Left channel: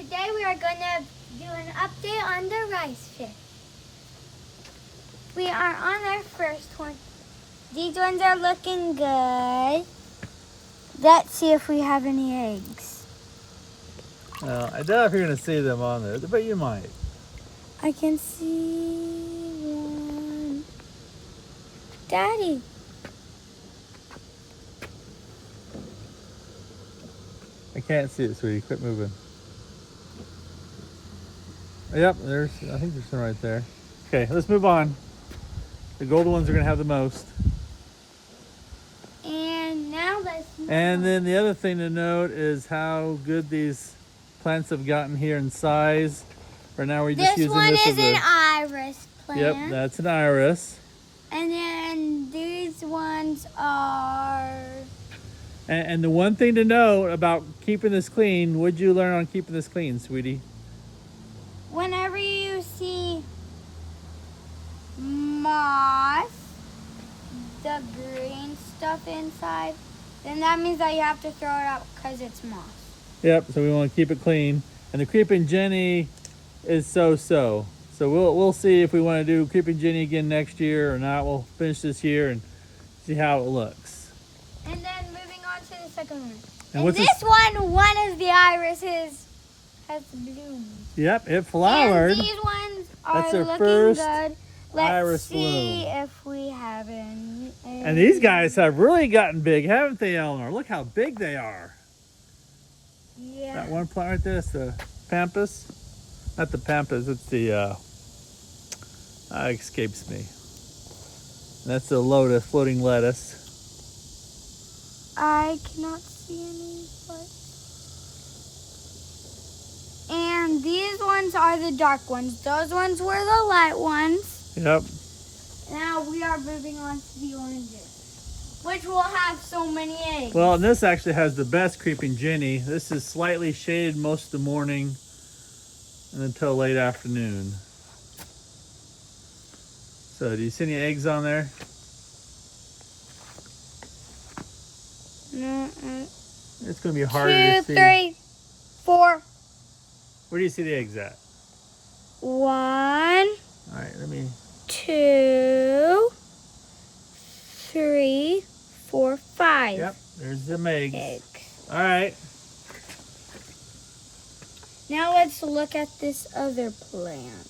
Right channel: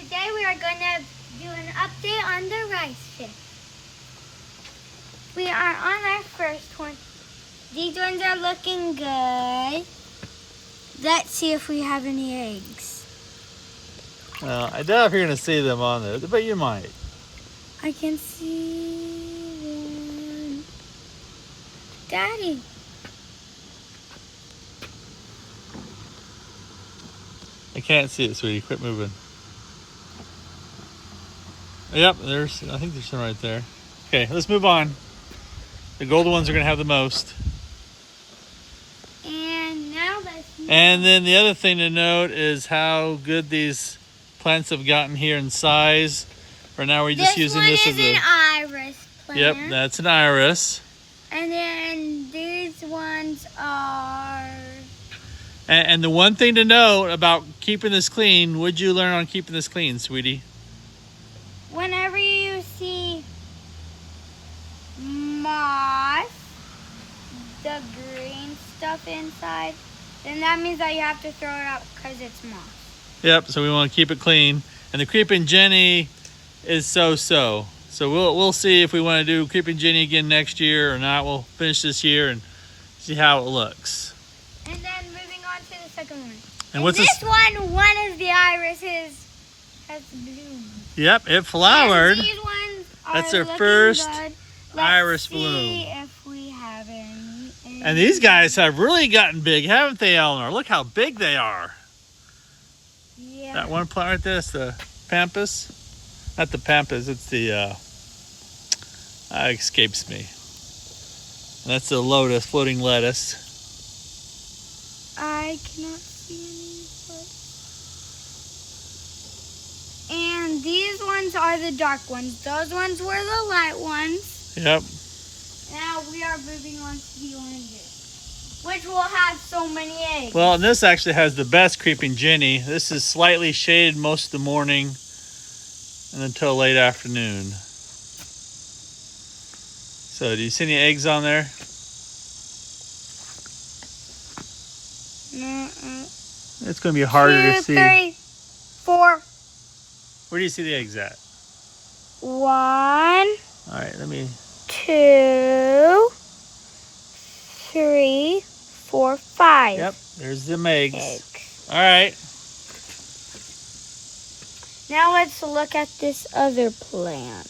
today we are going to do an update on the rice fish. We are on our first one. These ones are looking good. Let's see if we have any eggs. I doubt if you're going to see them on there, but you might. I can see one. Daddy. I can't see it, sweetie. Quit moving. Yep, I think there's some right there. Okay, let's move on. The golden ones are going to have the most. And now let's move And then the other thing to note is how good these plants have gotten here in size. Right now we're just using this as an iris plant. Yep, that's an iris. And then these ones are... And the one thing to note about keeping this clean, what'd you learn on keeping this clean, sweetie? Whenever you see moss, the green stuff inside, then that means that you have to throw it out because it's moss. Yep, so we want to keep it clean. And the Creeping Jenny is so-so. So we'll see if we want to do Creeping Jenny again next year or not. We'll finish this year and see how it looks. And then moving on to the second one. And what's this one? One of the irises has bloomed. Yep, it flowered. And these ones are That's our looking first good. iris See bloom. if we have any. And these guys have really gotten big, haven't they, Eleanor? Look how big they are. Yeah. That one plant right there is the pampas. Not the pampas, it's the, escapes me. That's the lotus, floating lettuce. I cannot see any. And these ones are the dark ones. Those ones were the light ones. Yep. Now we are moving on to the oranges, which will have so many eggs. Well, and this actually has the best Creeping Jenny. This is slightly shaded most of the morning and until late afternoon. So, do you see any eggs on there? It's going to be harder to see. 2, 3, 4. Where do you see the eggs at? 1, All right, let me... 2, 3, 4, 5. Yep, there's them eggs. Eggs. All right. Now let's look at this other plant.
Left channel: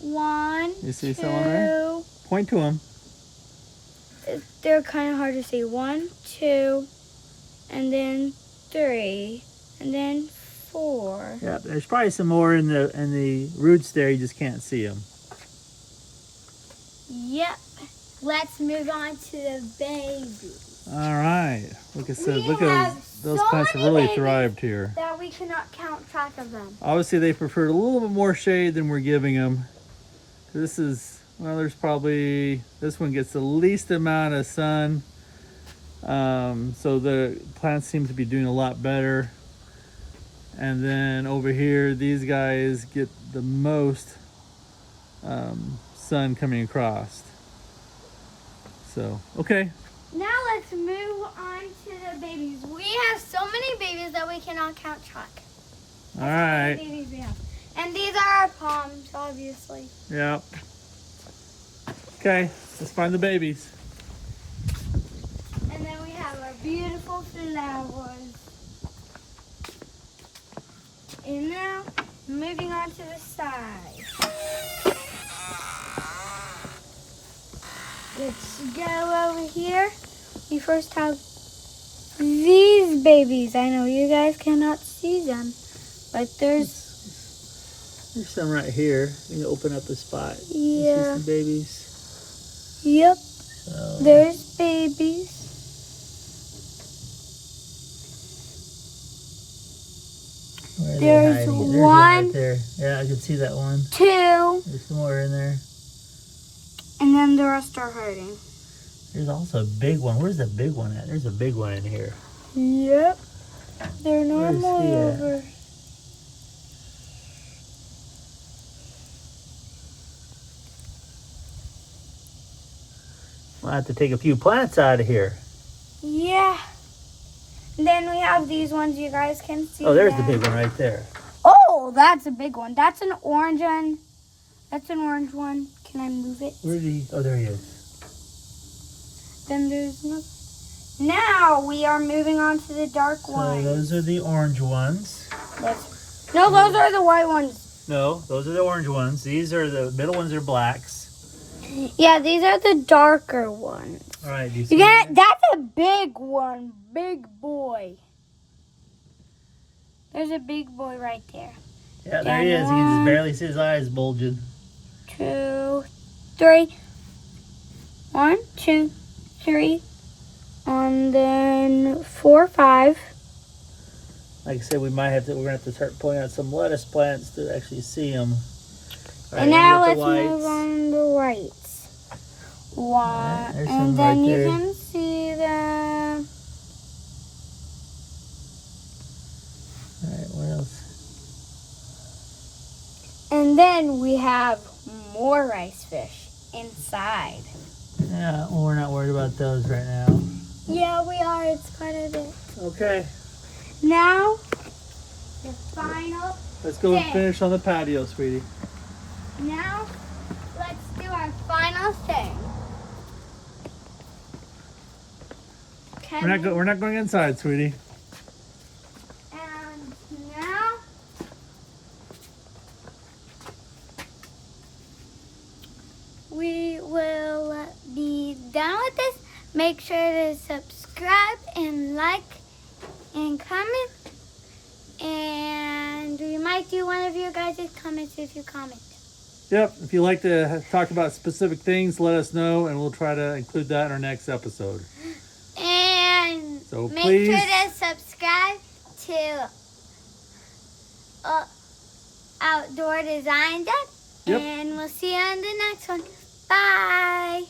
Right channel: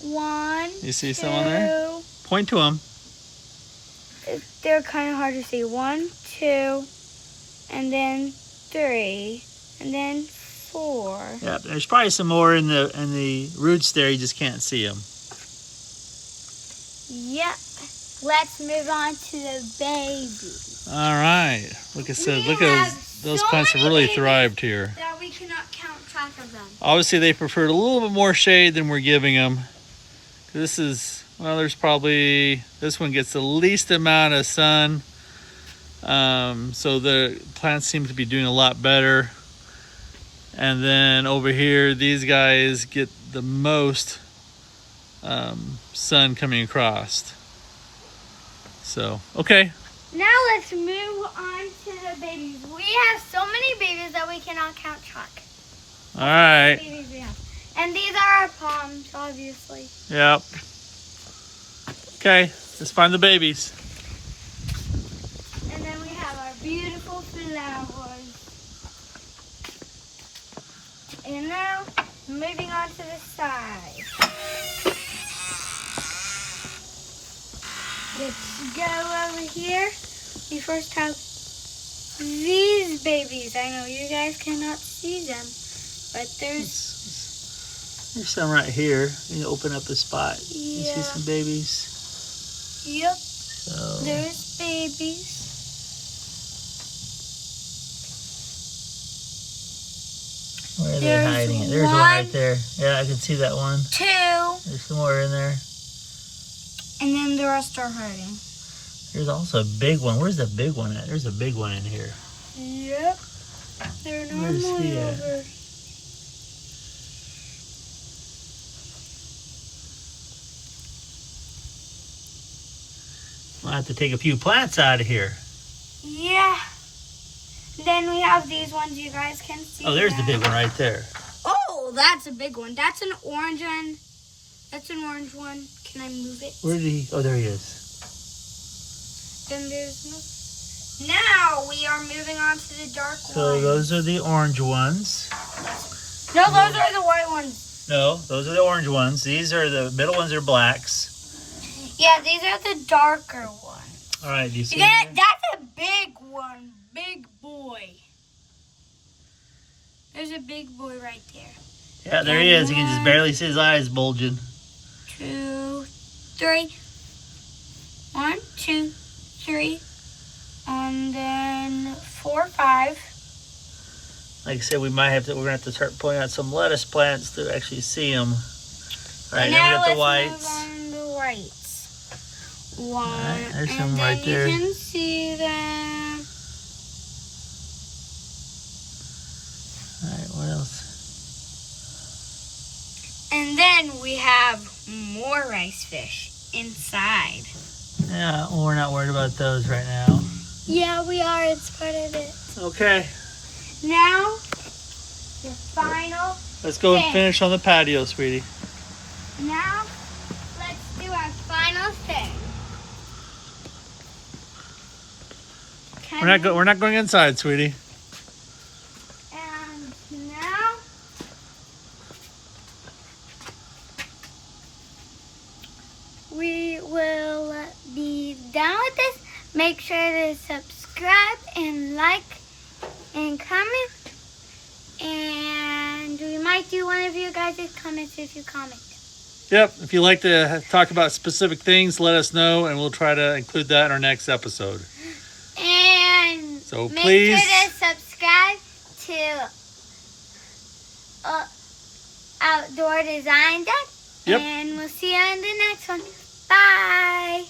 One. You see some on there? Point to them. They're kind of hard to see. 1, 2, and then 3, and then 4. Yep, there's probably some more in the roots there. You just can't see them. Yep. Let's move on to the babies. All right. Look at those plants have really thrived here. That we cannot count track of them. Obviously, they preferred a little bit more shade than we're giving them. This is, well, there's probably, this one gets the least amount of sun. So the plants seem to be doing a lot better. And then over here, these guys get the most sun coming across. So, okay. Now let's move on to the babies. We have so many babies that we cannot count track. All right. Babies we have. And these are our palms, obviously. Yep. Okay, let's find the babies. And then we have our beautiful flowers. And now, moving on to the side. Let's go over here. We first have these babies. I know you guys cannot see them, but there's some right here. You open up a spot. Yeah. You see some babies. Yep. So There's babies. where are they There's hiding? There's one right there. Yeah, I can see that one. 2. There's some more in there. And then the rest are hiding. There's also a big one. Where's the big one at? There's a big one in here. Yep. They're Where's normally he at? over. We'll have to take a few plants out of here. Yeah. Then we have these ones you guys can see. Oh, there's the big one right there. Oh, that's a big one. That's an orange one. That's an orange one. Can I move it? Where did he? Oh, there he is. Then there's no. Now we are moving on to the dark So ones. those are the orange ones. No, those are the white ones. No, those are the orange ones. These are the middle ones are blacks. Yeah, these are the darker ones. All right, do you see? Yeah, that's a big one. Big boy. There's a big boy right there. Yeah, there he is. You can just barely see his eyes bulging. 2, 3. 1, 2, 3. And then 4, 5. Like I said, we're gonna have to start pulling out some lettuce plants to actually see them. All right, And now now we got let's the whites. move on the whites. One. Alright, there's and some then right there. you can see them. All right, what else? And then we have more rice fish inside. Yeah, well, we're not worried about those right now. Yeah, we are. It's part of it. Okay, Now, the final. let's go and thing. finish on the patio, sweetie. Now, let's do our final thing. We're not going inside, sweetie. And now, we will be done with this. Make sure to subscribe and like and comment. And we might do one of you guys' comments if you comment. Yep, if you like to talk about specific things, let us know, and we'll try to include that in our next episode. And So make please, sure to subscribe to Outdoor Design Deck. Yep. And we'll see you on the next one. Bye.